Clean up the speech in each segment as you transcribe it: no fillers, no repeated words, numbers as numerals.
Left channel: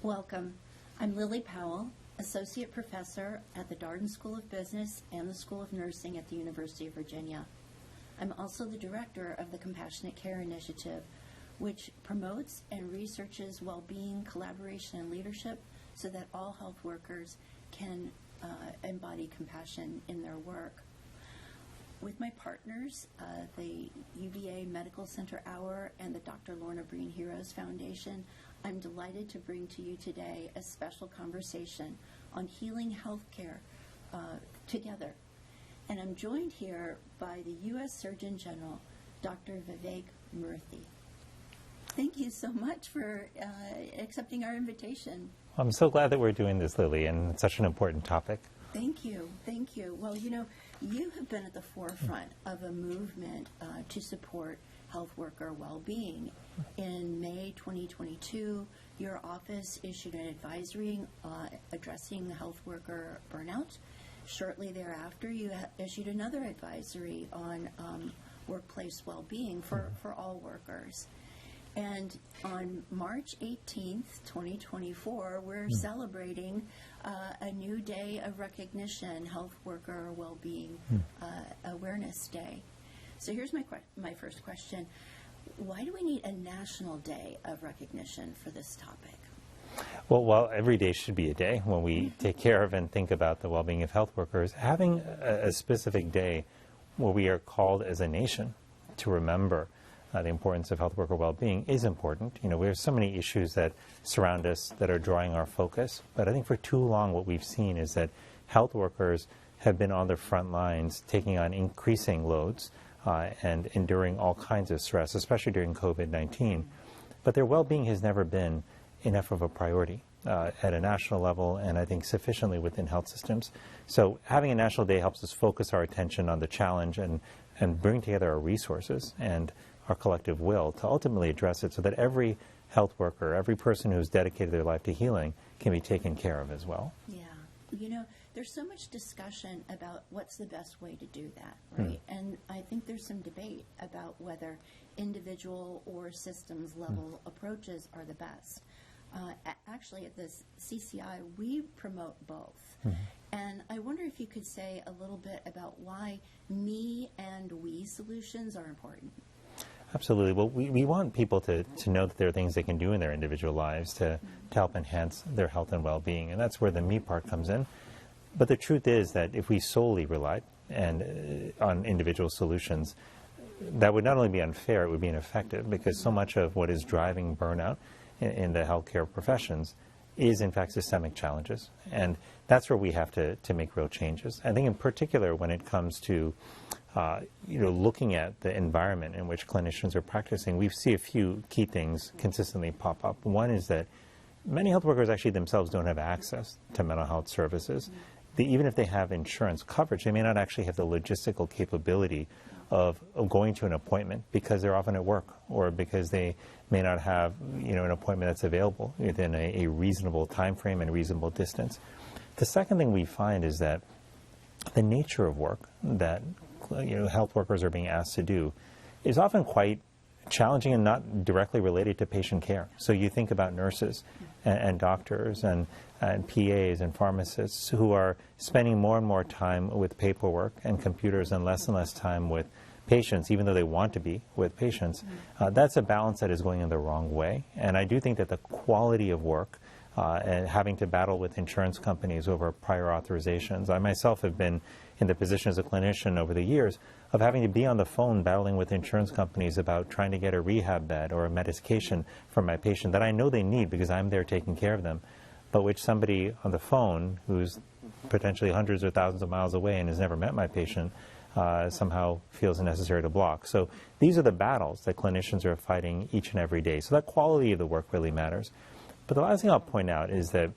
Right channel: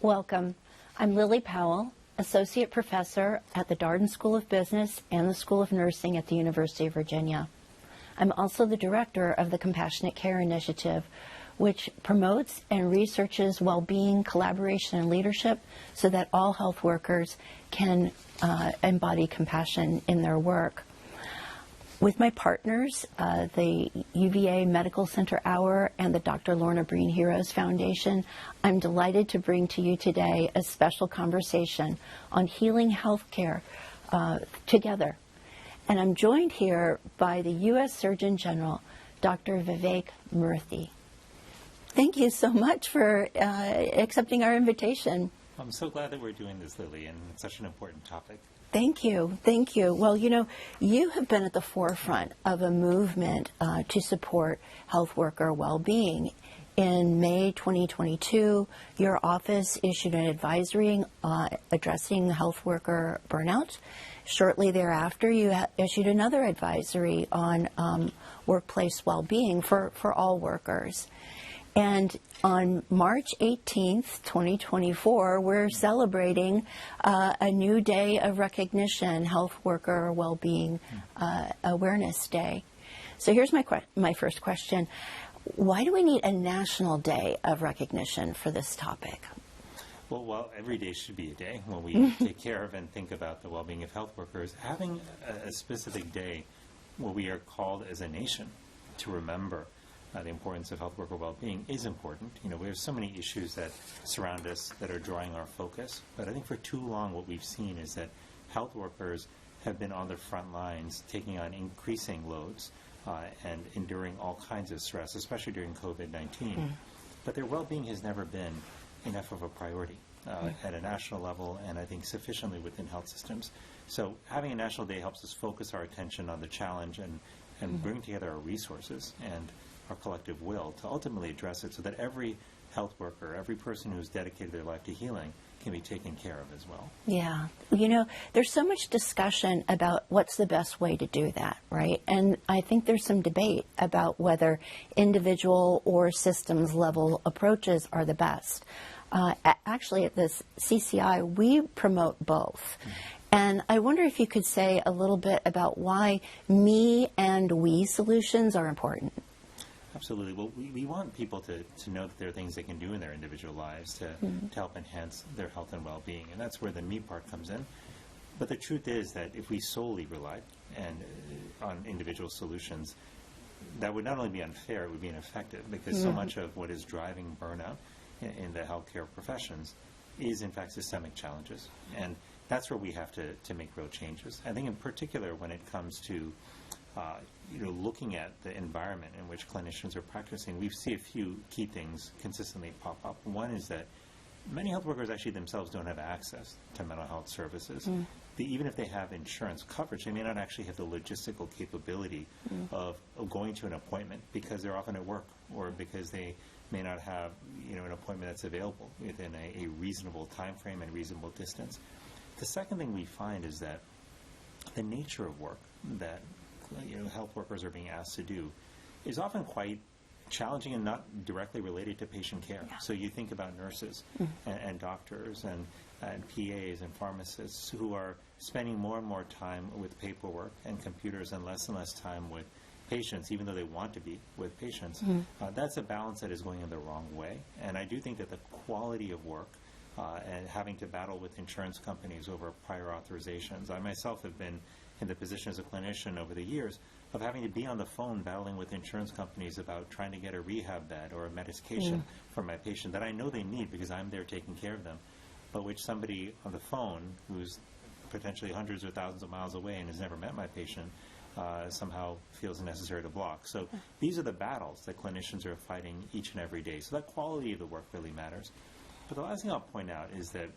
Welcome. I'm Lily Powell, Associate Professor at the Darden School of Business and the School of Nursing at the University of Virginia. I'm also the Director of the Compassionate Care Initiative, which promotes and researches well-being, collaboration, and leadership so that all health workers can embody compassion in their work. With my partners, the UVA Medical Center Hour and the Dr. Lorna Breen Heroes Foundation, I'm delighted to bring to you today a special conversation on healing healthcare together. And I'm joined here by the U.S. Surgeon General, Dr. Vivek Murthy. Thank you so much for accepting our invitation. I'm so glad that we're doing this, Lily, and it's such an important topic. Thank you. Thank you. Well, you know, you have been at the forefront of a movement to support health worker well-being. In May 2022, your office issued an advisory addressing health worker burnout. Shortly thereafter, you issued another advisory on workplace well-being for all workers. And on March 18th, 2024, we're celebrating a new day of recognition, Health Worker Wellbeing Awareness Day. So here's my first question. Why do we need a national day of recognition for this topic? Well, every day should be a day when we take care of and think about the well-being of health workers. Having a specific day where we are called as a nation to remember the importance of health worker well-being is important. You know, we have so many issues that surround us that are drawing our focus, but I think for too long what we've seen is that health workers have been on the front lines taking on increasing loads and enduring all kinds of stress, especially during COVID-19. But their well-being has never been enough of a priority at a national level and I think sufficiently within health systems. So having a national day helps us focus our attention on the challenge and bring together our resources and our collective will to ultimately address it so that every health worker, every person who's dedicated their life to healing can be taken care of as well. Yeah. You know, there's so much discussion about what's the best way to do that, right? And I think there's some debate about whether individual or systems level approaches are the best. Actually, at this CCI, we promote both. And I wonder if you could say a little bit about why me and we solutions are important. Absolutely. Well, we want people to know that there are things they can do in their individual lives to help enhance their health and well-being, and that's where the me part comes in. But the truth is that if we solely relied on individual solutions, that would not only be unfair, it would be ineffective, because so much of what is driving burnout in the healthcare professions is, in fact, systemic challenges. And that's where we have to make real changes. I think in particular when it comes to looking at the environment in which clinicians are practicing, we see a few key things consistently pop up. One is that many health workers actually themselves don't have access to mental health services. Even if they have insurance coverage, they may not actually have the logistical capability of going to an appointment because they're often at work or because they may not have an appointment that's available within a reasonable time frame and reasonable distance. The second thing we find is that the nature of work that health workers are being asked to do is often quite challenging and not directly related to patient care. So you think about nurses and doctors and PAs and pharmacists who are spending more and more time with paperwork and computers and less time with patients, even though they want to be with patients. That's a balance that is going in the wrong way. And I do think that the quality of work and having to battle with insurance companies over prior authorizations. I myself have been in the position as a clinician over the years of having to be on the phone battling with insurance companies about trying to get a rehab bed or a medication for my patient that I know they need because I'm there taking care of them, but which somebody on the phone who's potentially hundreds or thousands of miles away and has never met my patient somehow feels necessary to block. So these are the battles that clinicians are fighting each and every day. So that quality of the work really matters. But the last thing I'll point out is that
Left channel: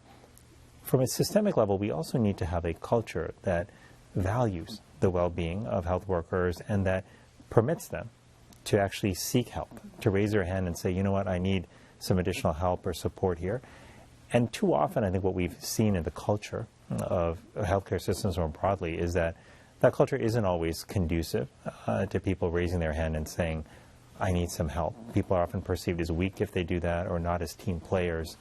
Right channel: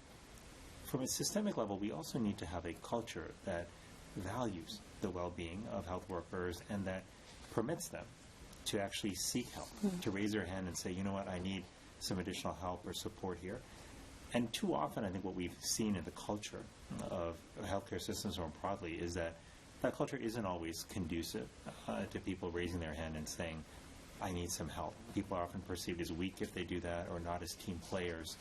from a systemic level, we also need to have a culture that values the well-being of health workers and that permits them to actually seek help, to raise their hand and say, you know what, I need some additional help or support here. And too often, I think what we've seen in the culture of healthcare systems more broadly is that that culture isn't always conducive to people raising their hand and saying, I need some help. People are often perceived as weak if they do that or not as team players.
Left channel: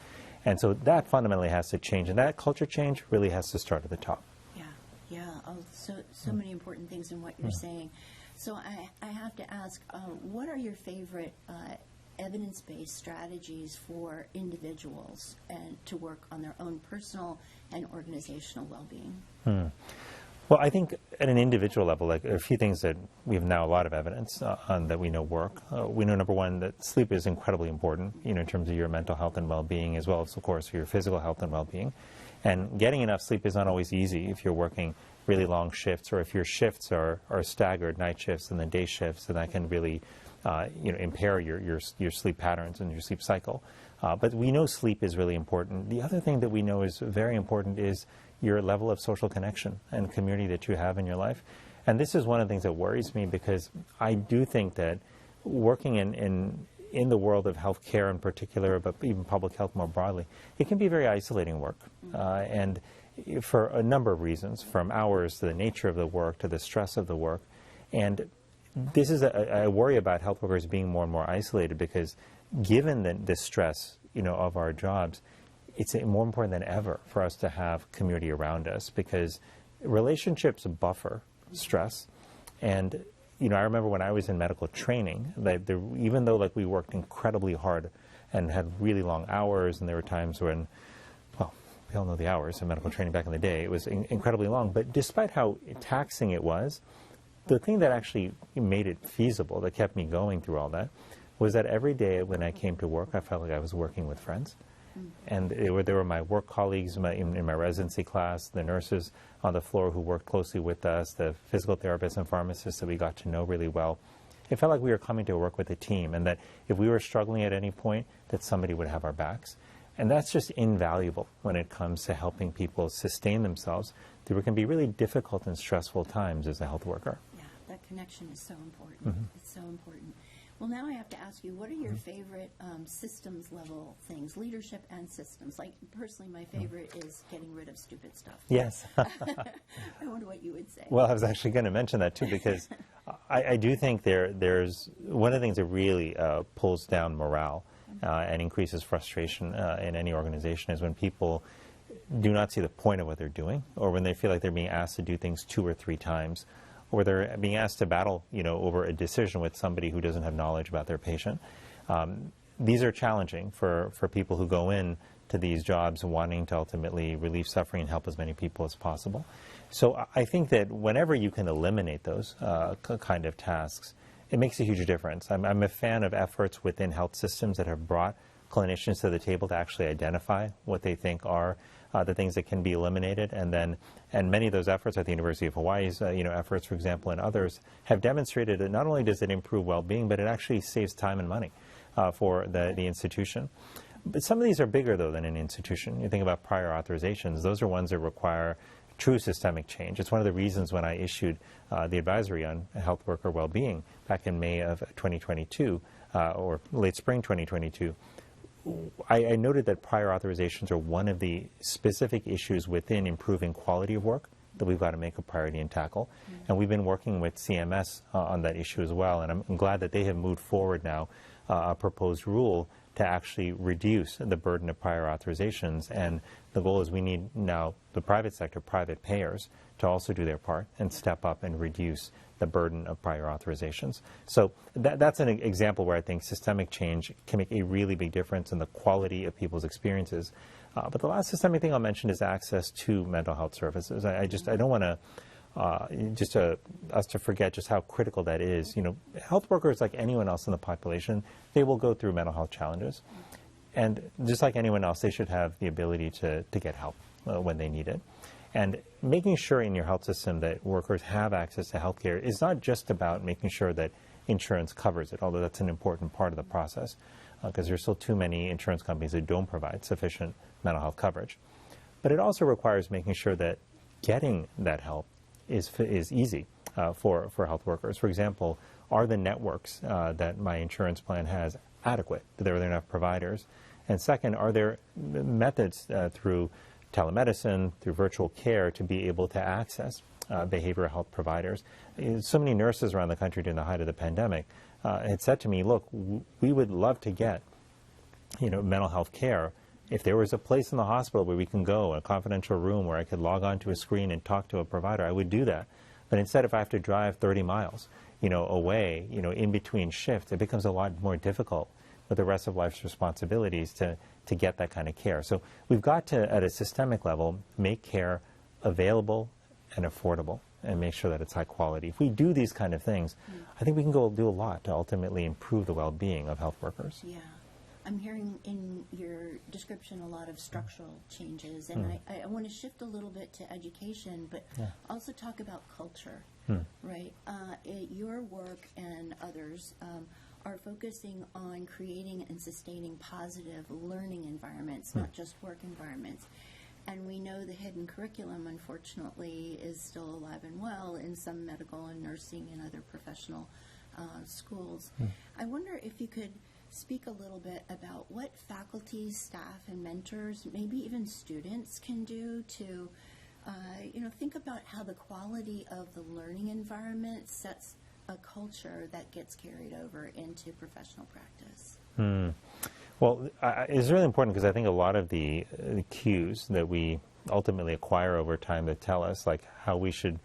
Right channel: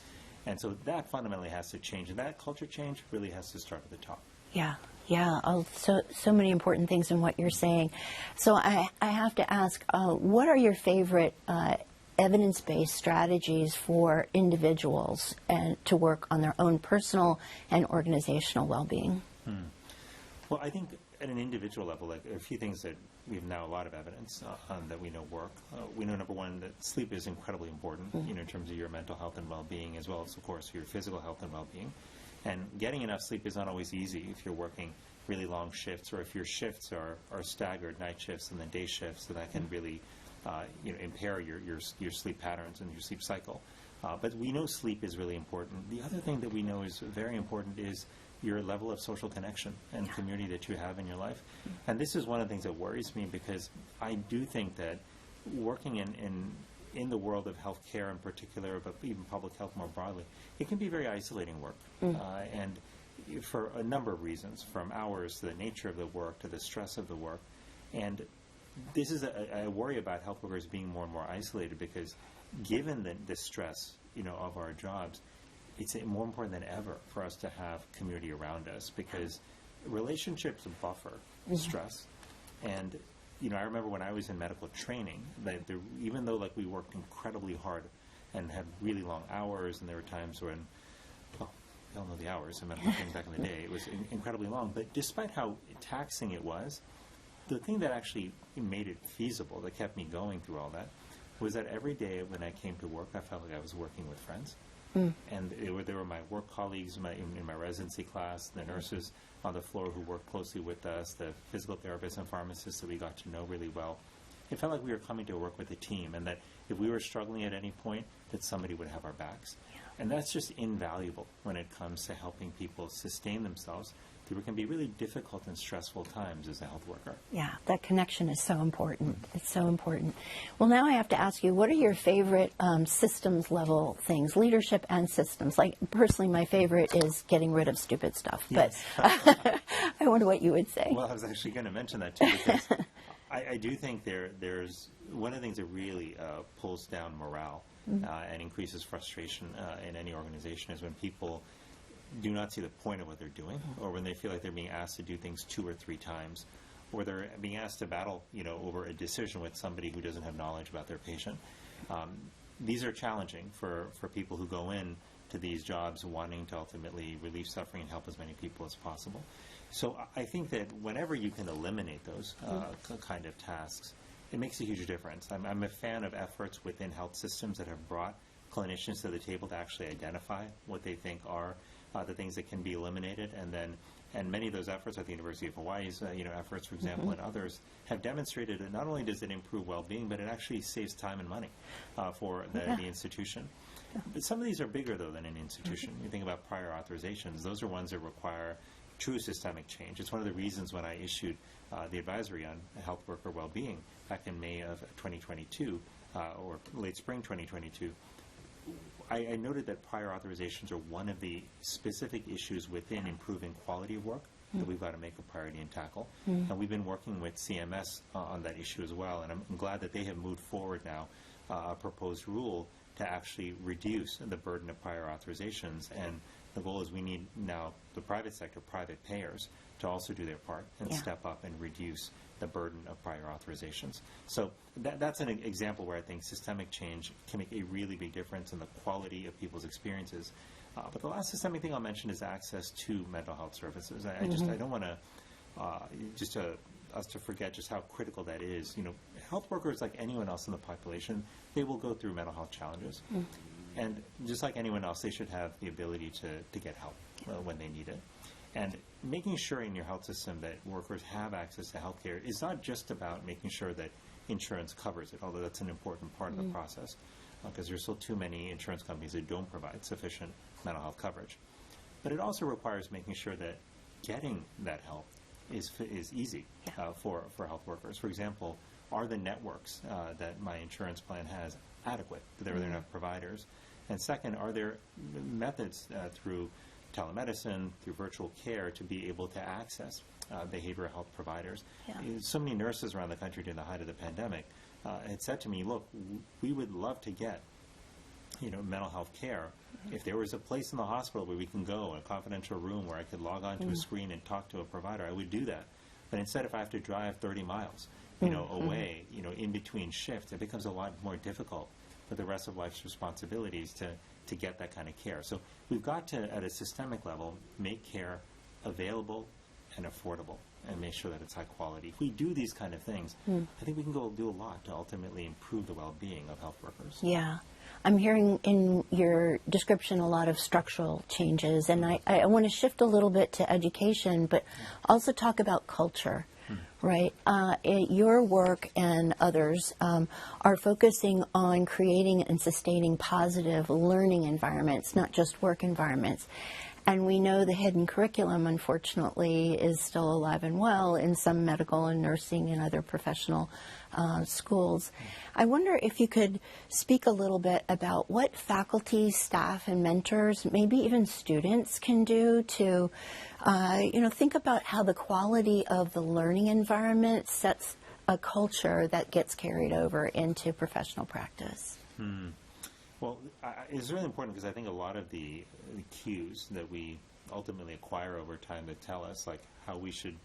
And so that fundamentally has to change, and that culture change really has to start at the top. Yeah, yeah. Oh, so many important things in what you're saying. So I have to ask, what are your favorite evidence-based strategies for individuals and to work on their own personal and organizational well-being? Well, I think at an individual level, like there are a few things that we have now a lot of evidence on that we know work. We know, number one, that sleep is incredibly important, in terms of your mental health and well-being, as well as, of course, your physical health and well-being. And getting enough sleep is not always easy if you're working really long shifts, or if your shifts are staggered, night shifts and then day shifts, and that can really impair your sleep patterns and your sleep cycle. But we know sleep is really important. The other thing that we know is very important is your level of social connection and community that you have in your life. And this is one of the things that worries me, because I do think that working in the world of healthcare in particular, but even public health more broadly, it can be very isolating work. And for a number of reasons, from hours to the nature of the work to the stress of the work. And this is I worry about health workers being more and more isolated, because given the stress of our jobs, it's more important than ever for us to have community around us, because relationships buffer stress. And I remember when I was in medical training, that even though we worked incredibly hard and had really long hours, and there were times when, well, we all know the hours in medical training back in the day, it was incredibly long. But despite how taxing it was, the thing that actually made it feasible, that kept me going through all that, was that every day when I came to work, I felt like I was working with friends. And there were my work colleagues in my residency class, the nurses on the floor who worked closely with us, the physical therapists and pharmacists that we got to know really well. It felt like we were coming to work with a team, and that if we were struggling at any point, that somebody would have our backs. And that's just invaluable when it comes to helping people sustain themselves through what can be really difficult and stressful times as a health worker. Yeah, that connection is so important. It's so important. Well, now I have to ask you, what are your favorite systems level things, leadership and systems? Like, personally, my favorite is getting rid of stupid stuff. Yes. But I wonder what you would say. Well, I was actually going to mention that too, because I do think there's one of the things that really pulls down morale and increases frustration in any organization is when people do not see the point of what they're doing, or when they feel like they're being asked to do things 2 or 3 times, or they're being asked to battle, over a decision with somebody who doesn't have knowledge about their patient. These are challenging for people who go in to these jobs wanting to ultimately relieve suffering and help as many people as possible. So I think that whenever you can eliminate those kind of tasks, it makes a huge difference. I'm a fan of efforts within health systems that have brought clinicians to the table to actually identify what they think are the things that can be eliminated, and many of those efforts at the University of Hawaii's efforts, for example, and others, have demonstrated that not only does it improve well-being, but it actually saves time and money for the institution. But some of these are bigger, though, than an institution. You think about prior authorizations; those are ones that require true systemic change. It's one of the reasons when I issued the advisory on health worker well-being back in May of 2022, or late spring 2022, I noted that prior authorizations are one of the specific issues within improving quality of work that we've got to make a priority and tackle. And we've been working with CMS on that issue as well, and I'm glad that they have moved forward now a proposed rule to actually reduce the burden of prior authorizations. And the goal is we need now the private sector, private payers, to also do their part and step up and reduce the burden of prior authorizations. So that's an example where I think systemic change can make a really big difference in the quality of people's experiences. But the last systemic thing I'll mention is access to mental health services. I don't want to us to forget just how critical that is. Health workers, like anyone else in the population, they will go through mental health challenges. And just like anyone else, they should have the ability to get help when they need it. And making sure in your health system that workers have access to health care is not just about making sure that insurance covers it, although that's an important part of the process, because there's still too many insurance companies that don't provide sufficient mental health coverage. But it also requires making sure that getting that help is easy for health workers. For example, are the networks that my insurance plan has adequate? Are there enough providers? And second, are there methods through telemedicine, through virtual care, to be able to access behavioral health providers? So many nurses around the country during the height of the pandemic had said to me, look, we would love to get mental health care If there was a place in the hospital where we can go, a confidential room where I could log onto a screen and talk to a provider, I would do that. But instead, if I have to drive 30 miles, away, in between shifts, it becomes a lot more difficult with the rest of life's responsibilities to get that kind of care. So we've got to, at a systemic level, make care available and affordable and make sure that it's high quality. If we do these kind of things, I think we can go do a lot to ultimately improve the well-being of health workers. Yeah. I'm hearing in your description a lot of structural changes, and I want to shift a little bit to education, but also talk about culture, right? Your work and others are focusing on creating and sustaining positive learning environments, not just work environments. And we know the hidden curriculum, unfortunately, is still alive and well in some medical and nursing and other professional schools. I wonder if you could speak a little bit about what faculty, staff, and mentors, maybe even students, can do to, think about how the quality of the learning environment sets a culture that gets carried over into professional practice. Well, it's really important because I think a lot of the cues that we ultimately acquire over time that tell us like how we should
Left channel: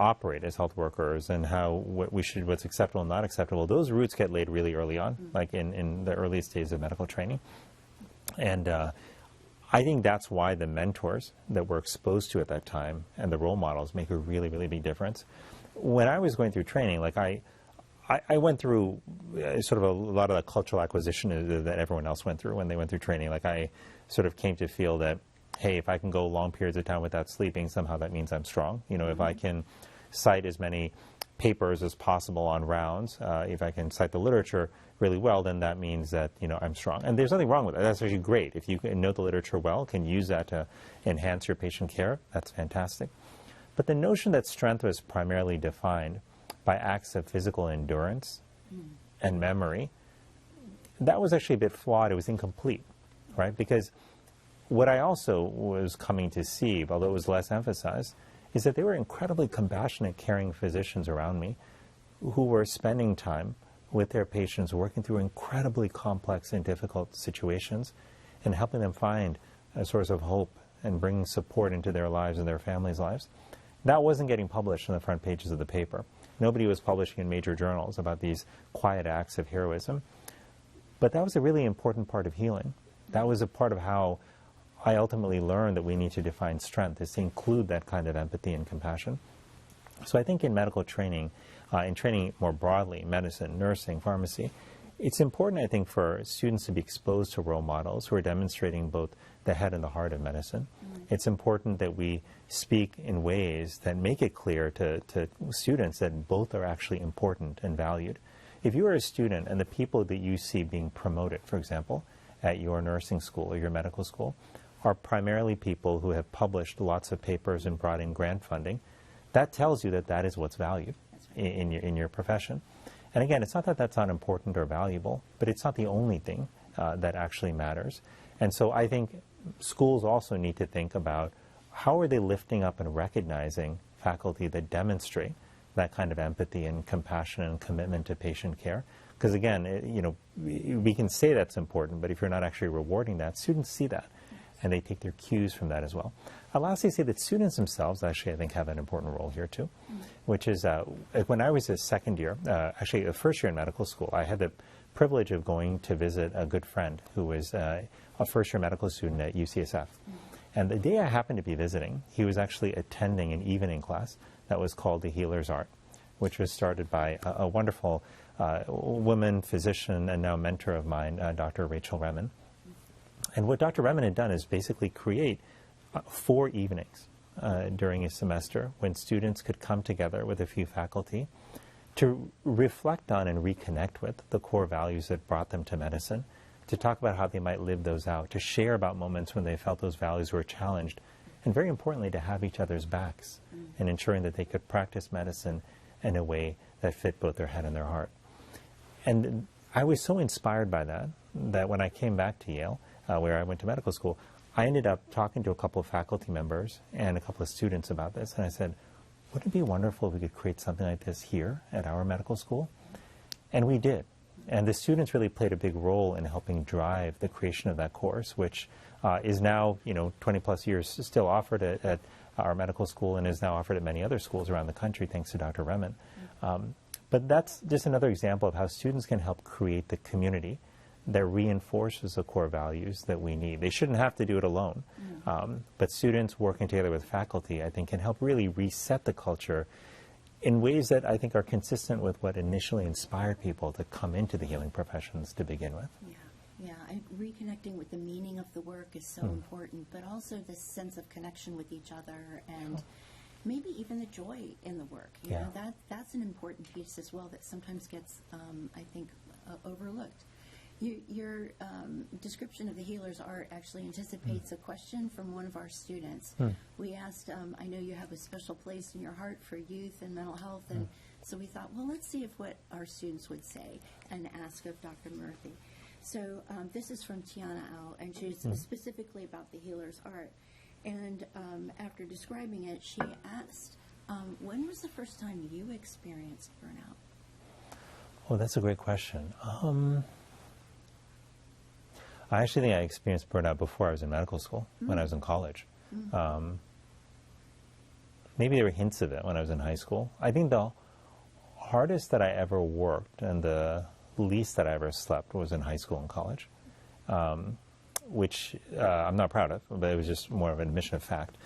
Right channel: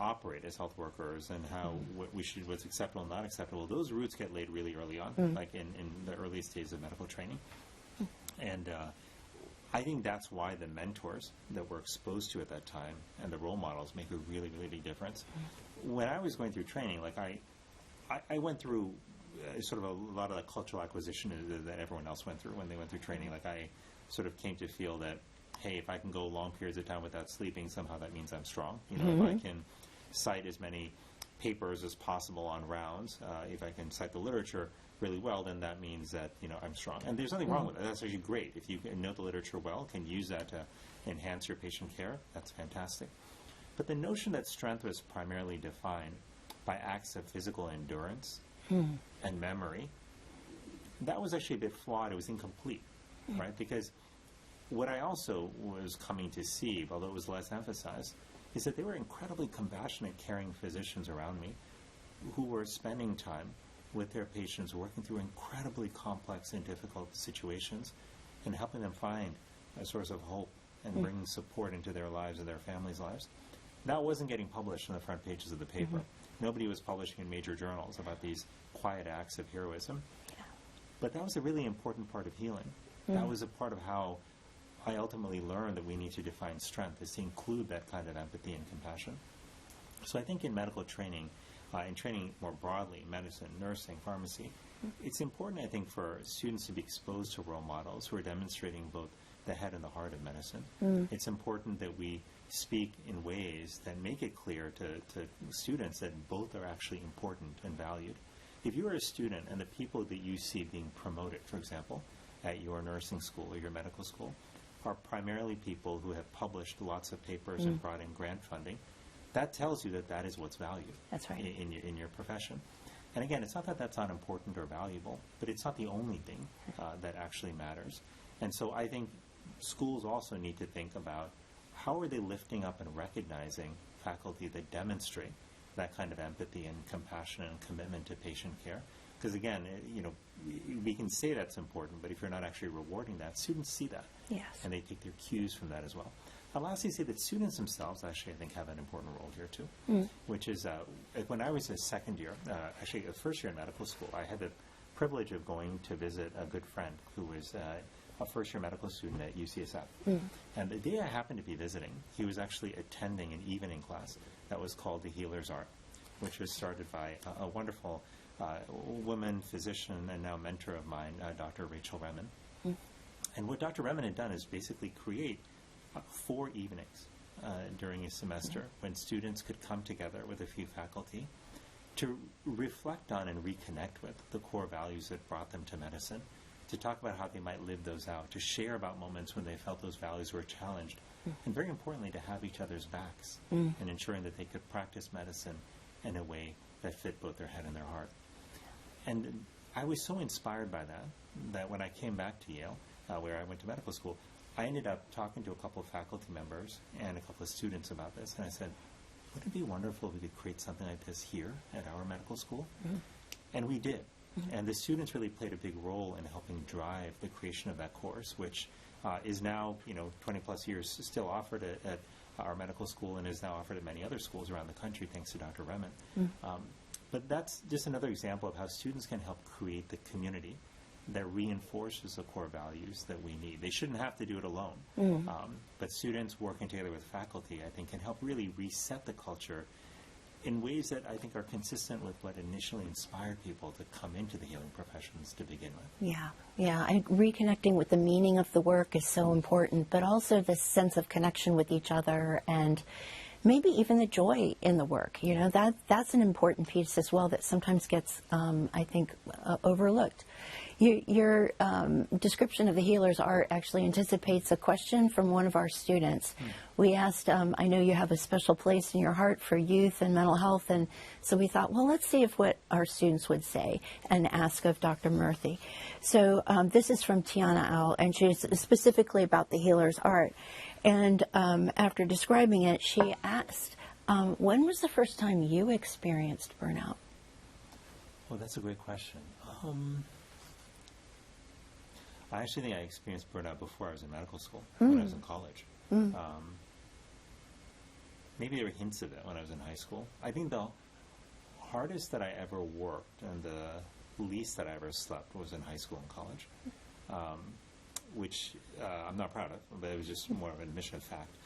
operate as health workers and what's acceptable and not acceptable, those roots get laid really early on, like in the earliest days of medical training. And I think that's why the mentors that we're exposed to at that time and the role models make a really, really big difference. When I was going through training, like I went through sort of a lot of the cultural acquisition that everyone else went through when they went through training. Like I sort of came to feel that, hey, if I can go long periods of time without sleeping, somehow that means I'm strong. If I can cite as many papers as possible on rounds, if I can cite the literature really well, then that means that, I'm strong. And there's nothing wrong with that. That's actually great. If you know the literature well, can use that to enhance your patient care, that's fantastic. But the notion that strength was primarily defined by acts of physical endurance and memory, that was actually a bit flawed. It was incomplete, right? Because what I also was coming to see, although it was less emphasized, is that there were incredibly compassionate, caring physicians around me who were spending time with their patients, working through incredibly complex and difficult situations and helping them find a source of hope and bringing support into their lives and their families' lives. That wasn't getting published in the front pages of the paper. Nobody was publishing in major journals about these quiet acts of heroism. But that was a really important part of healing. That was a part of how I ultimately learned that we need to define strength, is to include that kind of empathy and compassion. So I think in medical training, in training more broadly, medicine, nursing, pharmacy, it's important, I think, for students to be exposed to role models who are demonstrating both the head and the heart of medicine. It's important that we speak in ways that make it clear to students that both are actually important and valued. If you are a student and the people that you see being promoted, for example, at your nursing school or your medical school, are primarily people who have published lots of papers and brought in grant funding, that tells you that that is what's valued. That's right. in your profession. And again, it's not that that's not important or valuable, but it's not the only thing that actually matters. And so I think schools also need to think about how are they lifting up and recognizing faculty that demonstrate that kind of empathy and compassion and commitment to patient care. Because again, we can say that's important, but if you're not actually rewarding that, students see that. Yes. And they take their cues from that as well. I'll lastly say that students themselves actually, I think, have an important role here too, which is when I was a second year, actually a first year in medical school, I had the privilege of going to visit a good friend who was a first-year medical student at UCSF. And the day I happened to be visiting, he was actually attending an evening class that was called The Healer's Art, which was started by a wonderful woman, physician, and now mentor of mine, Dr. Rachel Remen. And what Dr. Remen had done is basically create 4 evenings during a semester when students could come together with a few faculty to reflect on and reconnect with the core values that brought them to medicine, to talk about how they might live those out, to share about moments when they felt those values were challenged, and very importantly, to have each other's backs and ensuring that they could practice medicine in a way that fit both their head and their heart. And I was so inspired by that when I came back to Yale, where I went to medical school, I ended up talking to a couple of faculty members and a couple of students about this, and I said, wouldn't it be wonderful if we could create something like this here at our medical school? And we did. And the students really played a big role in helping drive the creation of that course, which is now, 20 plus years still offered at our medical school and is now offered at many other schools around the country, thanks to Dr. Remen. But that's just another example of how students can help create the community that reinforces the core values that we need. They shouldn't have to do it alone. But students working together with faculty, I think, can help really reset the culture in ways that I think are consistent with what initially inspired people to come into the healing professions to begin with. Yeah. Reconnecting with the meaning of the work is so important, but also this sense of connection with each other and maybe even the joy in the work. You know, that's an important piece as well that sometimes gets, I think, overlooked. Your description of the healer's art actually anticipates a question from one of our students. We asked, I know you have a special place in your heart for youth and mental health, and so we thought, well, let's see if what our students would say and ask of Dr. Murthy. So this is from Tiana Al, and she's specifically about the healer's art. And after describing it, she asked, when was the first time you experienced burnout? Well, that's a great question. I actually think I experienced burnout before I was in medical school, when I was in college. Maybe there were hints of it when I was in high school. I think the hardest that I ever worked and the least that I ever slept was in high school and college, which I'm not proud of, but it was just more of an admission of fact.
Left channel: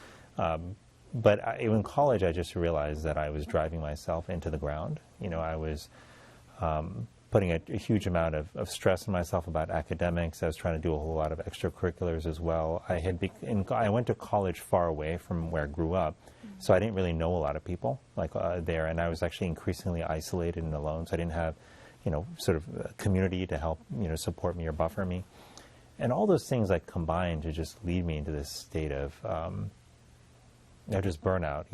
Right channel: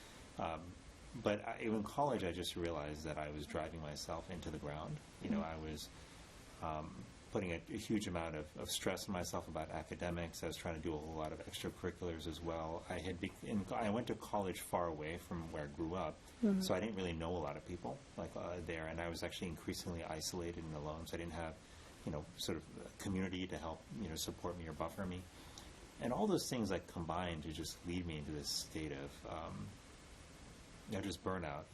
But in college, I just realized that I was driving myself into the ground. I was putting a huge amount of stress on myself about academics. I was trying to do a whole lot of extracurriculars as well. I went to college far away from where I grew up, so I didn't really know a lot of people there, and I was actually increasingly isolated and alone, so I didn't have, sort of a community to help, support me or buffer me. And all those things combined to just lead me into this state of just burnout.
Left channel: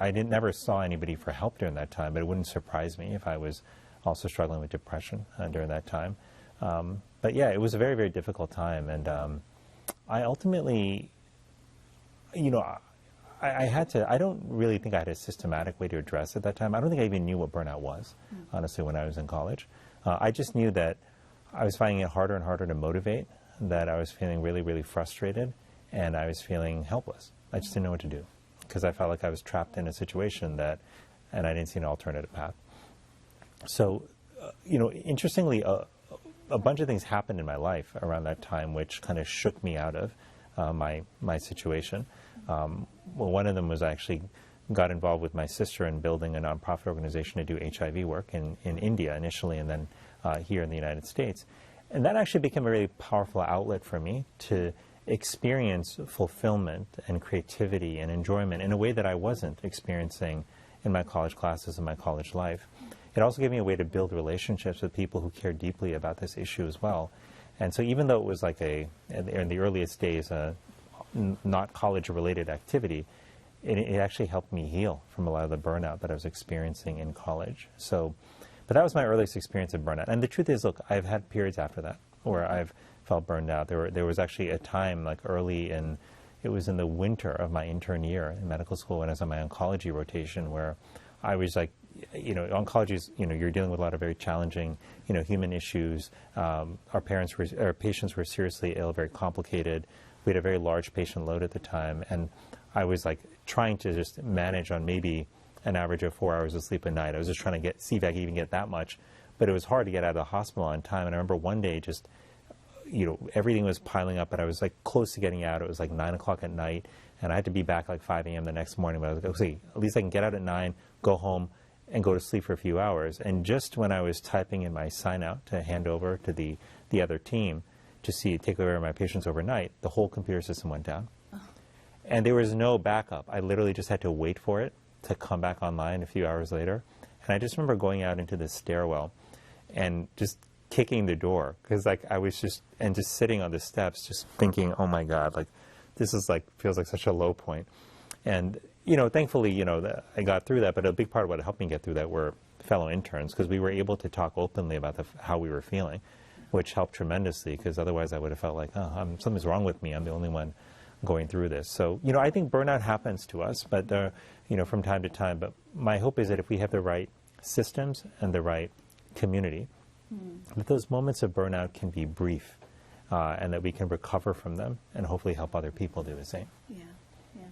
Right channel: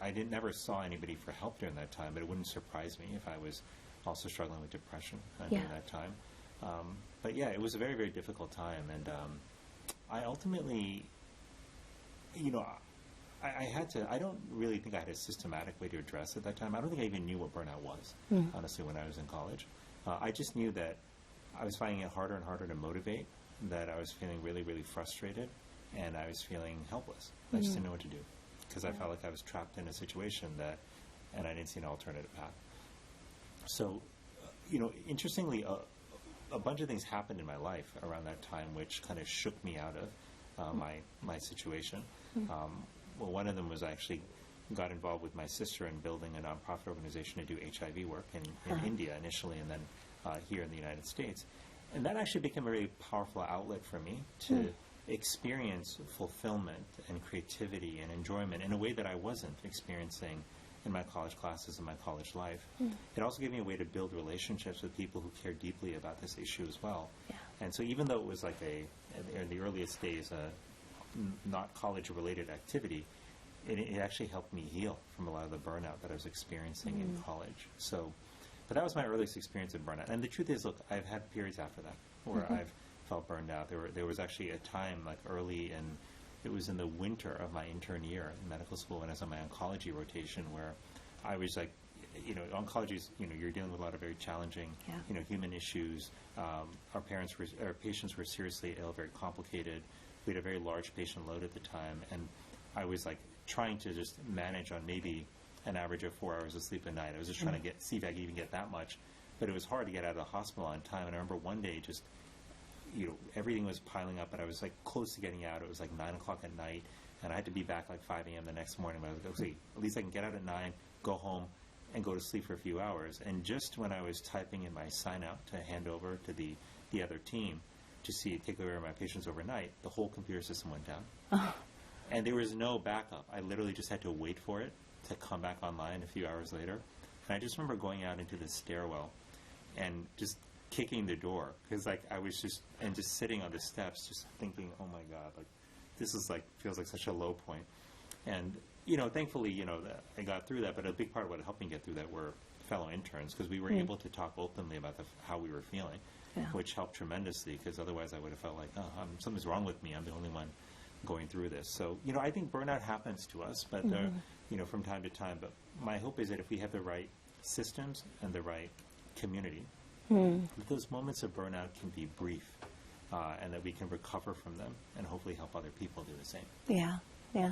I never saw anybody for help during that time, but it wouldn't surprise me if I was also struggling with depression during that time. But yeah, it was a very, very difficult time. And I ultimately, I don't really think I had a systematic way to address it at that time. I don't think I even knew what burnout was, honestly, when I was in college. I just knew that I was finding it harder and harder to motivate, that I was feeling really, really frustrated, and I was feeling helpless. I just didn't know what to do because I felt like I was trapped in a situation and I didn't see an alternative path. So, interestingly, a bunch of things happened in my life around that time which kind of shook me out of my situation. Well, one of them was I actually got involved with my sister in building a nonprofit organization to do HIV work in India initially, and then here in the United States. And that actually became a really powerful outlet for me to experience fulfillment and creativity and enjoyment in a way that I wasn't experiencing in my college classes and my college life. It also gave me a way to build relationships with people who care deeply about this issue as well. And so even though it was in the earliest days, not college-related activity, it actually helped me heal from a lot of the burnout that I was experiencing in college. But that was my earliest experience of burnout. And the truth is, look, I've had periods after that where I've felt burned out. There was actually a time it was in the winter of my intern year in medical school when I was on my oncology rotation where I was oncology is, you're dealing with a lot of very challenging, human issues. Our patients were seriously ill, very complicated. We had a very large patient load at the time, and I was trying to just manage on maybe an average of 4 hours of sleep a night. I was just trying to see if I could even get that much, but it was hard to get out of the hospital on time. And I remember one day just everything was piling up, and I was close to getting out. It was 9 o'clock at night, and I had to be back 5 a.m. the next morning. But I was okay, at least I can get out at 9, go home, and go to sleep for a few hours. And just when I was typing in my sign out to hand over to the other team to take over my patients overnight, the whole computer system went down. And there was no backup. I literally just had to wait for it to come back online a few hours later. And I just remember going out into the stairwell and just kicking the door because I was just sitting on the steps just thinking, oh my God, this is feels like such a low point. And thankfully I got through that, but a big part of what helped me get through that were fellow interns because we were able to talk openly about how we were feeling, which helped tremendously because otherwise I would have felt something's wrong with me, I'm the only one going through this. So I think burnout happens to us, but from time to time, but my hope is that if we have the right systems and the right community, That those moments of burnout can be brief, and that we can recover from them and hopefully help other people do the same. Yeah, yeah.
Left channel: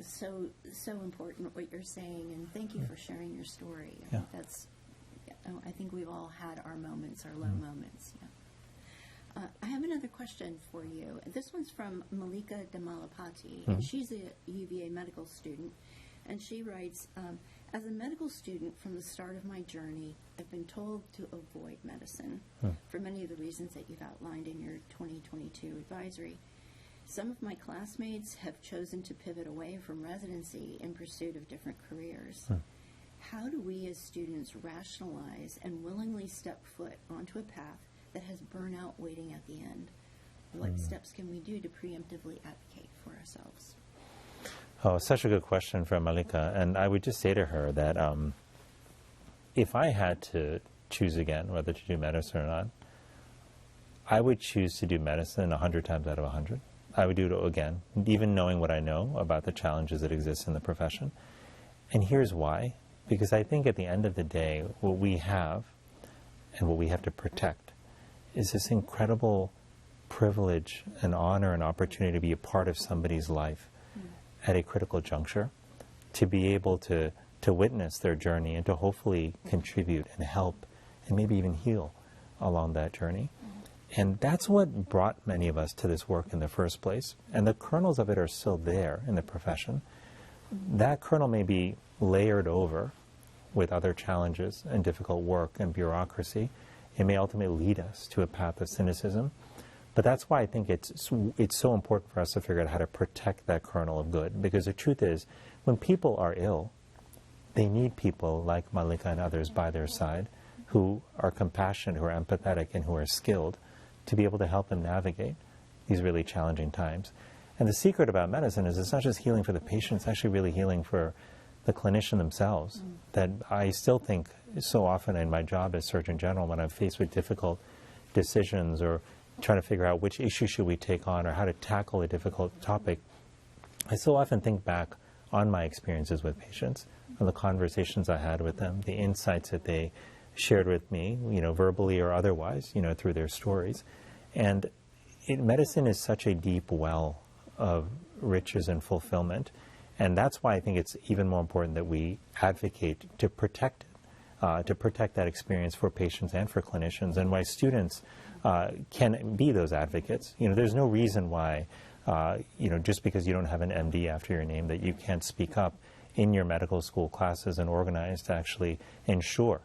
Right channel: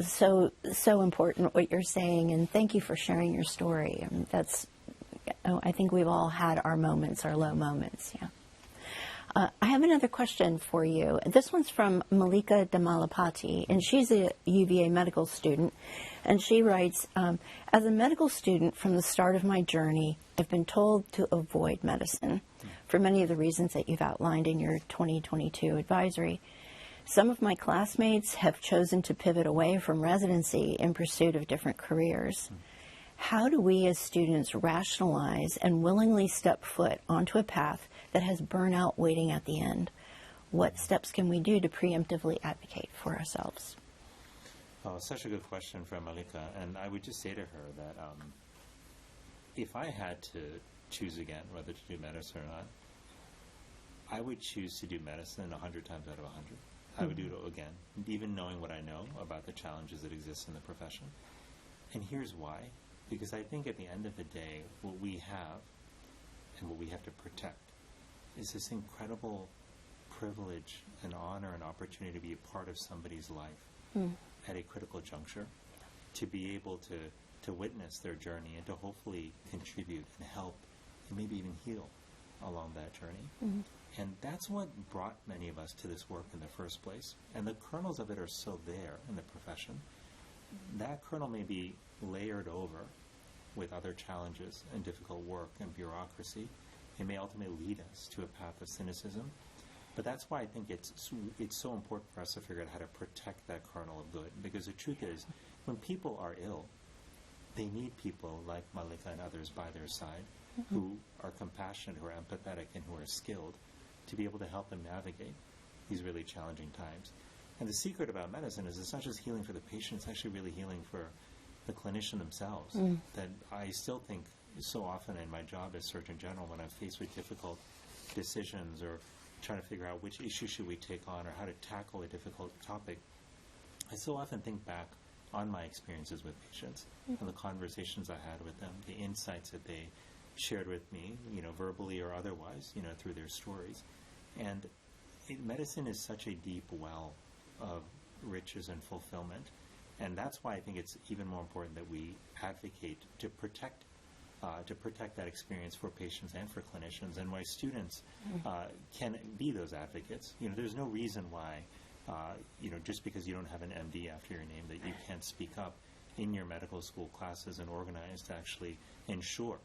So important what you're saying, and thank you for sharing your story. I mean, I think we've all had our moments, our low moments. Yeah. I have another question for you. This one's from Malika Damalapati, and she's a UVA medical student. And she writes, as a medical student from the start of my journey, I've been told to avoid medicine for many of the reasons that you've outlined in your 2022 advisory. Some of my classmates have chosen to pivot away from residency in pursuit of different careers. How do we as students rationalize and willingly step foot onto a path that has burnout waiting at the end? What steps can we do to preemptively advocate for ourselves? Oh, such a good question from Malika. And I would just say to her that if I had to choose again whether to do medicine or not, I would choose to do medicine 100 times out of 100. I would do it again, even knowing what I know about the challenges that exist in the profession. And here's why. Because I think at the end of the day, what we have and what we have to protect is this incredible privilege and honor and opportunity to be a part of somebody's life at a critical juncture, to be able to witness their journey and to hopefully contribute and help and maybe even heal along that journey. And that's what brought many of us to this work in the first place. And the kernels of it are still there in the profession. That kernel may be layered over with other challenges and difficult work and bureaucracy. It may ultimately lead us to a path of cynicism. But that's why I think it's so important for us to figure out how to protect that kernel of good. Because the truth is, when people are ill, they need people like Malika and others by their side who are compassionate, who are empathetic, and who are skilled to be able to help them navigate these really challenging times. And the secret about medicine is it's not just healing for the patient, it's actually really healing for the clinician themselves. That I still think so often in my job as Surgeon General, when I'm faced with difficult decisions or trying to figure out which issue should we take on or how to tackle a difficult topic, I so often think back on my experiences with patients, on the conversations I had with them, the insights that they shared with me, verbally or otherwise, through their stories. And medicine is such a deep well of riches and fulfillment. And that's why I think it's even more important that we advocate to protect that experience for patients and for clinicians, and why students can be those advocates. There's no reason why, just because you don't have an MD after your name, that you can't speak up in your medical school classes and organize to actually ensure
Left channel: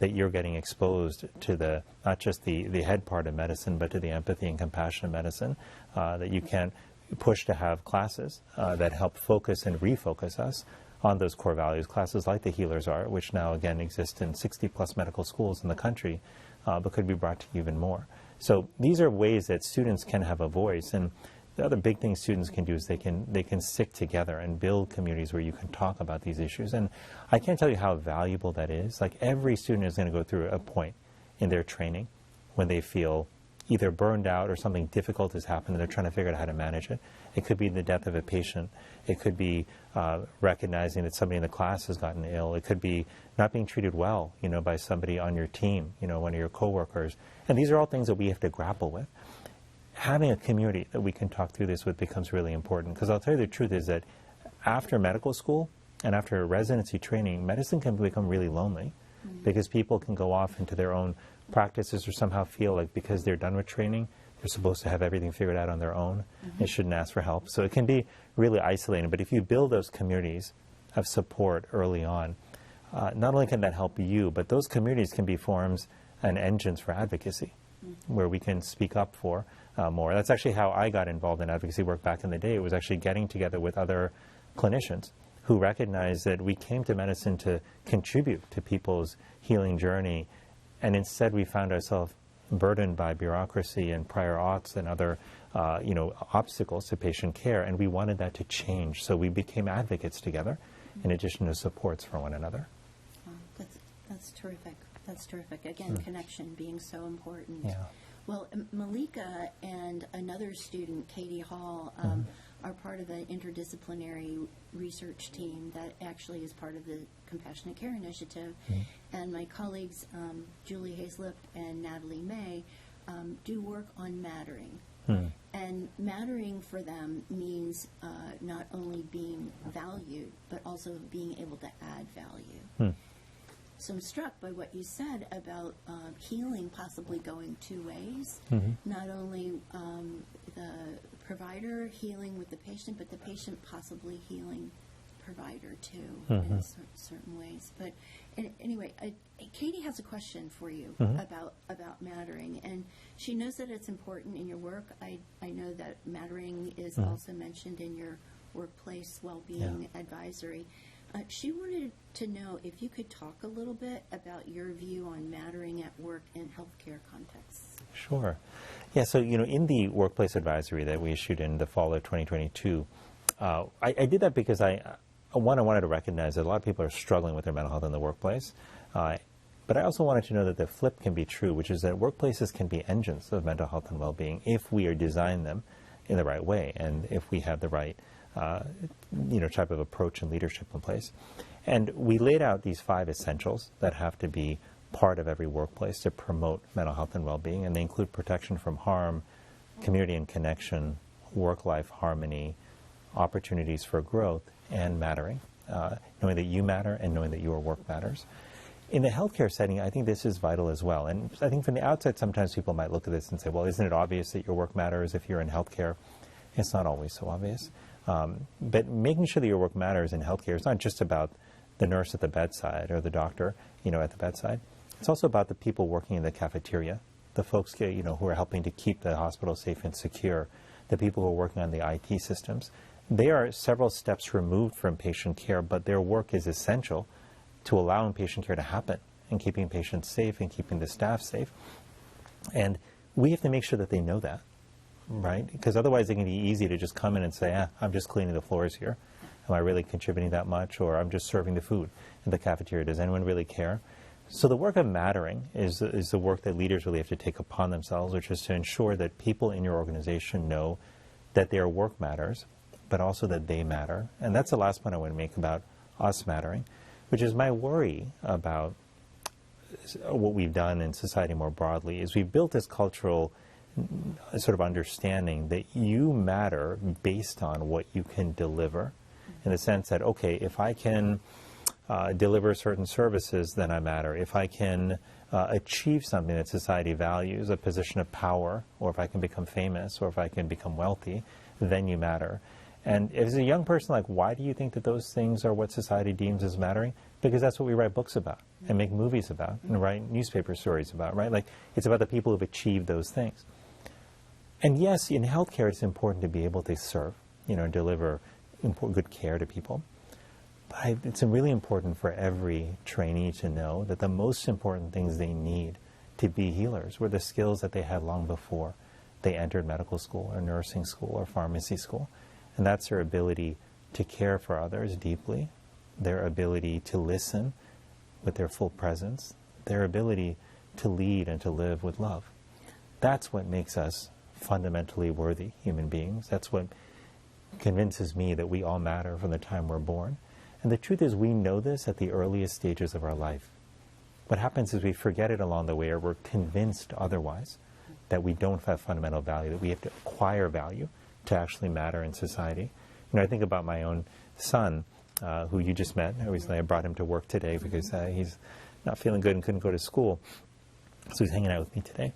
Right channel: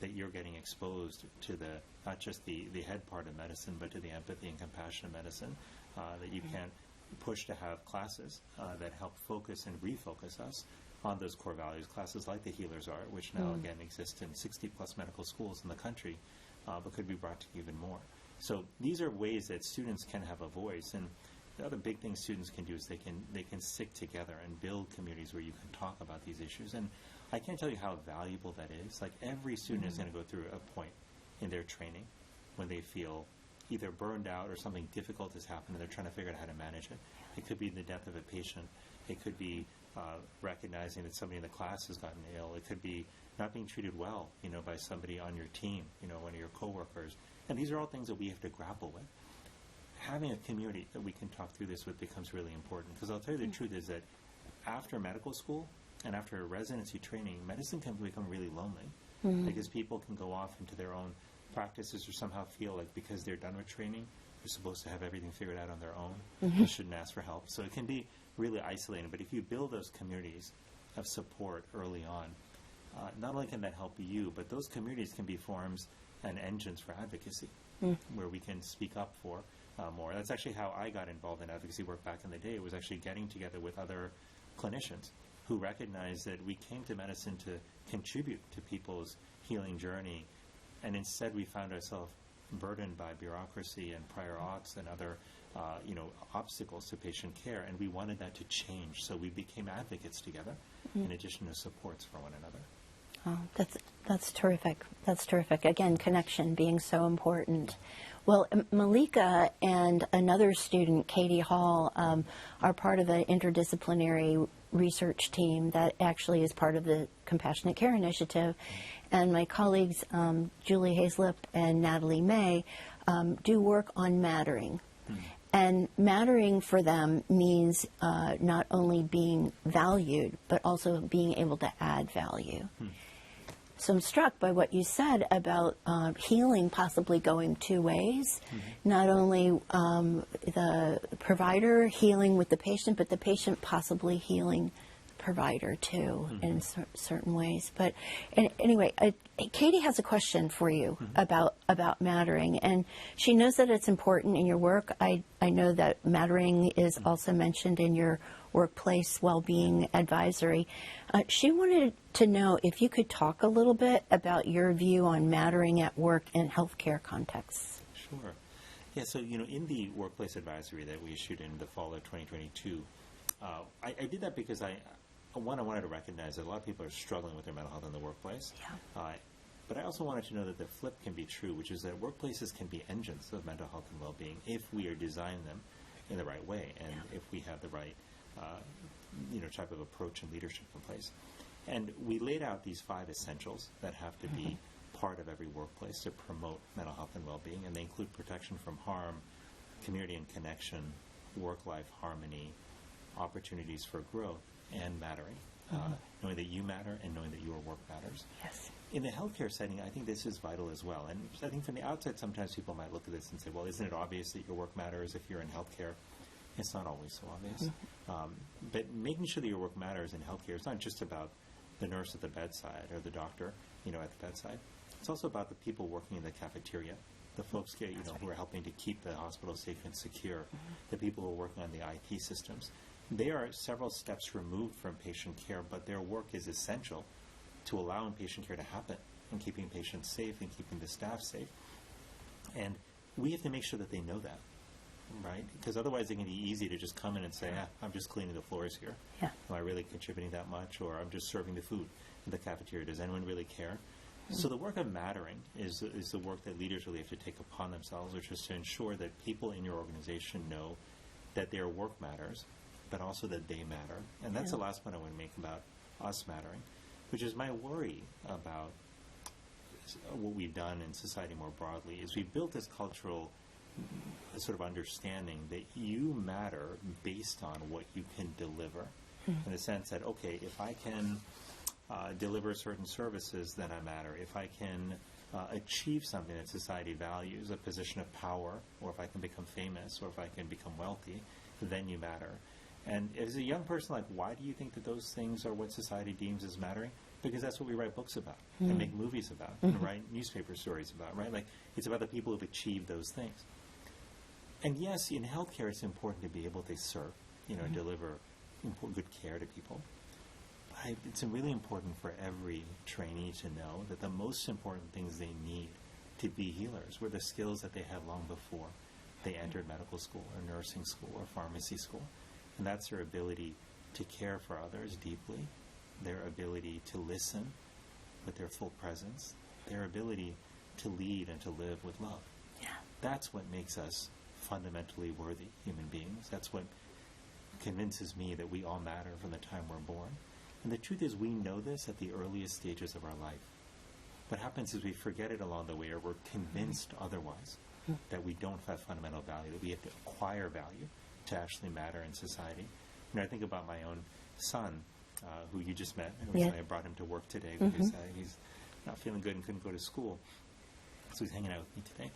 that you're getting exposed to not just the head part of medicine, but to the empathy and compassion of medicine, that you can push to have classes that help focus and refocus us on those core values, classes like the Healers Art, which now again exist in 60+ medical schools in the country, but could be brought to even more. So these are ways that students can have a voice. And the other big thing students can do is they can stick together and build communities where you can talk about these issues. And I can't tell you how valuable that is. Like, every student is going to go through a point in their training when they feel either burned out or something difficult has happened and they're trying to figure out how to manage it. It could be the death of a patient. It could be recognizing that somebody in the class has gotten ill. It could be not being treated well, by somebody on your team, one of your coworkers. And these are all things that we have to grapple with. Having a community that we can talk through this with becomes really important, because I'll tell you the truth is that after medical school and after residency training, medicine can become really lonely because people can go off into their own practices or somehow feel like because they're done with training, they're supposed to have everything figured out on their own. They shouldn't ask for help. So it can be really isolating. But if you build those communities of support early on, not only can that help you, but those communities can be forums and engines for advocacy where we can speak up for more. That's actually how I got involved in advocacy work back in the day. It was actually getting together with other clinicians who recognized that we came to medicine to contribute to people's healing journey, and instead we found ourselves burdened by bureaucracy and prior auths and other obstacles to patient care, and we wanted that to change. So we became advocates together in addition to supports for one another. Oh, that's terrific. That's terrific. Again, connection being so important. Yeah. Well, Malika and another student, Katie Hall, are part of an interdisciplinary research team that actually is part of the Compassionate Care Initiative. and my colleagues Julie Hazlip and Natalie May do work on mattering. And mattering for them means not only being valued, but also being able to add value. So I'm struck by what you said about healing possibly going two ways. Not only the provider healing with the patient, but the patient possibly healing the provider too in certain ways. But anyway, Katie has a question for you about mattering, and she knows that it's important in your work. I know that mattering is also mentioned in your workplace well-being advisory. She wanted to know if you could talk a little bit about your view on mattering at work in healthcare contexts. Sure. Yeah, so, in the workplace advisory that we issued in the fall of 2022, I did that because I wanted to recognize that a lot of people are struggling with their mental health in the workplace. But I also wanted to know that the flip can be true, which is that workplaces can be engines of mental health and well-being if we are designing them in the right way and if we have the right type of approach and leadership in place. And we laid out these 5 essentials that have to be part of every workplace to promote mental health and well-being, and they include protection from harm, community and connection, work-life harmony, opportunities for growth, and mattering, knowing that you matter and knowing that your work matters. In the healthcare setting, I think this is vital as well. And I think from the outside, sometimes people might look at this and say, well, isn't it obvious that your work matters if you're in healthcare? It's not always so obvious. But making sure that your work matters in healthcare is not just about the nurse at the bedside or the doctor, at the bedside. It's also about the people working in the cafeteria, the folks, who are helping to keep the hospital safe and secure, the people who are working on the IT systems. They are several steps removed from patient care, but their work is essential to allowing patient care to happen and keeping patients safe and keeping the staff safe. And we have to make sure that they know that. Right? Because otherwise it can be easy to just come in and say, I'm just cleaning the floors here. Am I really contributing that much? Or I'm just serving the food in the cafeteria. Does anyone really care? So the work of mattering is the work that leaders really have to take upon themselves, which is to ensure that people in your organization know that their work matters, but also that they matter. And that's the last point I want to make about us mattering, which is my worry about what we've done in society more broadly, is we've built this cultural sort of understanding that you matter based on what you can deliver, in the sense that, okay, if I can deliver certain services, then I matter. If I can achieve something that society values, a position of power, or if I can become famous, or if I can become wealthy, then you matter. And as a young person, why do you think that those things are what society deems as mattering? Because that's what we write books about and make movies about and write newspaper stories about, right? It's about the people who've achieved those things. And yes, in healthcare, it's important to be able to serve, deliver good care to people. But it's really important for every trainee to know that the most important things they need to be healers were the skills that they had long before they entered medical school or nursing school or pharmacy school. And that's their ability to care for others deeply, their ability to listen with their full presence, their ability to lead and to live with love. That's what makes us fundamentally worthy human beings. That's what convinces me that we all matter from the time we're born. And the truth is, we know this at the earliest stages of our life. What happens is we forget it along the way, or we're convinced otherwise, that we don't have fundamental value, that we have to acquire value to actually matter in society. I think about my own son, who you just met. Recently I brought him to work today because he's not feeling good and couldn't go to school. So he's hanging out with me today.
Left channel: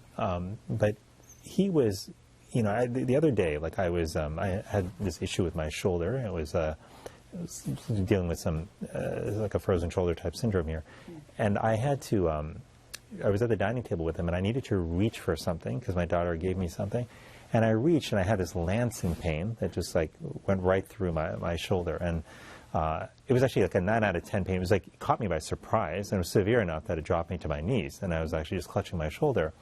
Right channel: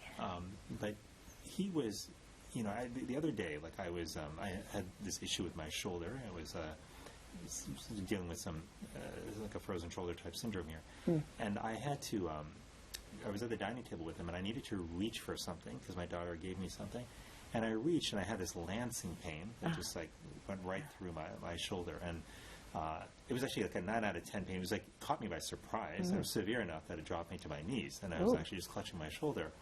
But he was, the other day, I had this issue with my shoulder. I was dealing with some, a frozen shoulder type syndrome here. And I had to, I was at the dining table with him, and I needed to reach for something because my daughter gave me something. And I reached, and I had this lancing pain that just went right through my shoulder. And it was actually a 9 out of 10 pain. It was it caught me by surprise, and it was severe enough that it dropped me to my knees. And I was actually just clutching my shoulder.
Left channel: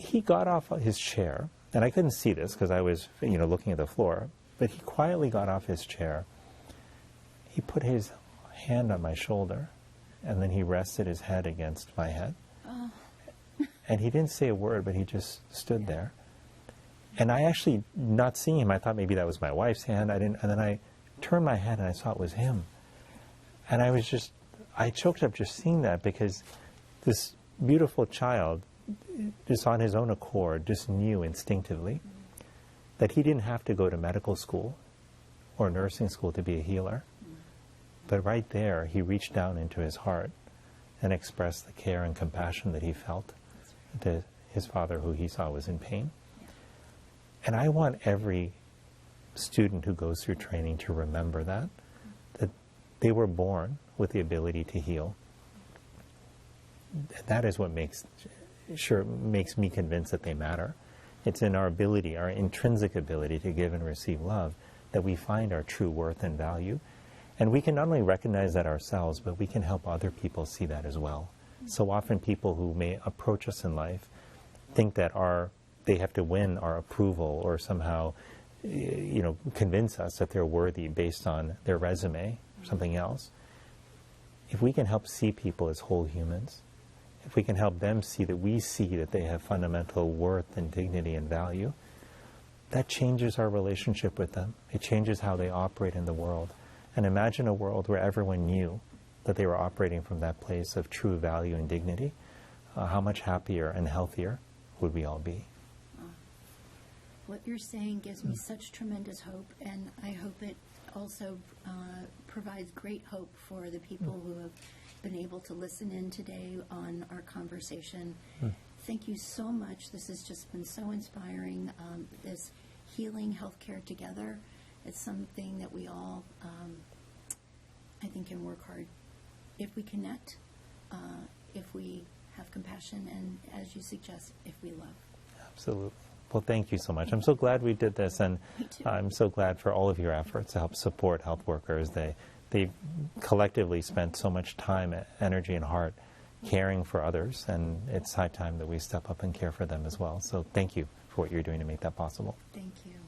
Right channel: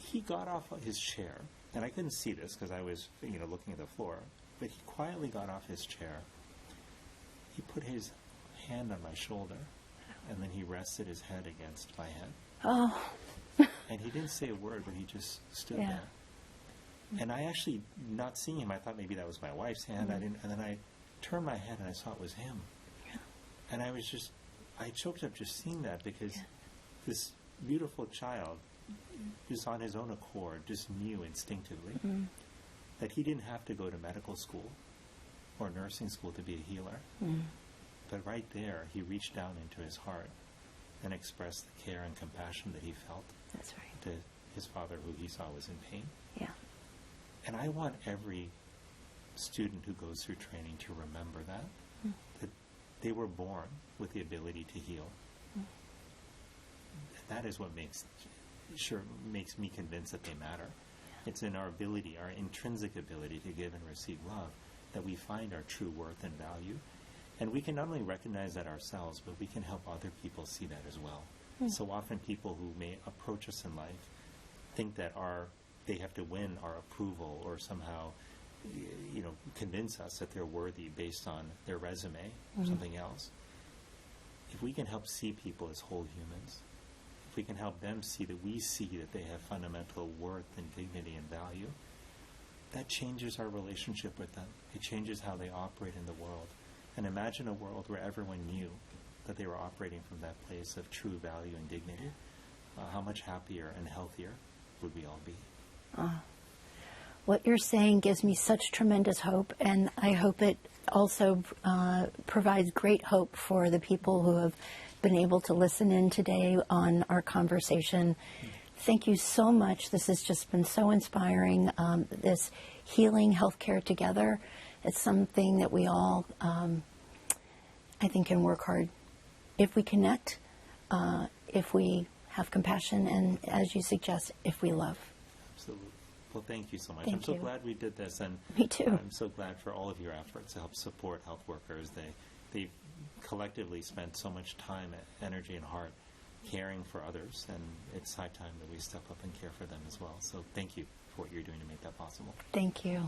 He got off his chair, and I couldn't see this because I was, looking at the floor. But he quietly got off his chair. He put his hand on my shoulder, and then he rested his head against my head. Oh. And he didn't say a word, but he just stood there. And I actually, not seeing him, I thought maybe that was my wife's hand. And then I turned my head, and I saw it was him. And I was just, I choked up just seeing that, because this beautiful child, just on his own accord, just knew instinctively that he didn't have to go to medical school or nursing school to be a healer. But right there, he reached down into his heart and expressed the care and compassion that he felt That's right. to his father, who he saw was in pain. Yeah. And I want every student who goes through training to remember that they were born with the ability to heal. That is what makes me convinced that they matter. It's in our ability, our intrinsic ability to give and receive love, that we find our true worth and value. And we can not only recognize that ourselves, but we can help other people see that as well. So often people who may approach us in life think that they have to win our approval, or somehow convince us that they're worthy based on their resume or something else. If we can help see people as whole humans, if we can help them see that we see that they have fundamental worth and dignity and value, that changes our relationship with them. It changes how they operate in the world. And imagine a world where everyone knew that they were operating from that place of true value and dignity. How much happier and healthier would we all be? What you're saying gives me such tremendous hope, and I hope it also provides great hope for the people who have been able to listen in today on our conversation. Thank you so much. This has just been so inspiring. This healing healthcare together, it's something that we all, I think, can work hard if we connect, if we have compassion, and as you suggest, if we love. Absolutely. Well, thank you so much. Thank I'm so you. glad we did this, and Me too. I'm so glad for all of your efforts to help support health workers. They collectively spent so much time, energy, and heart caring for others, and it's high time that we step up and care for them as well. So thank you for what you're doing to make that possible. Thank you.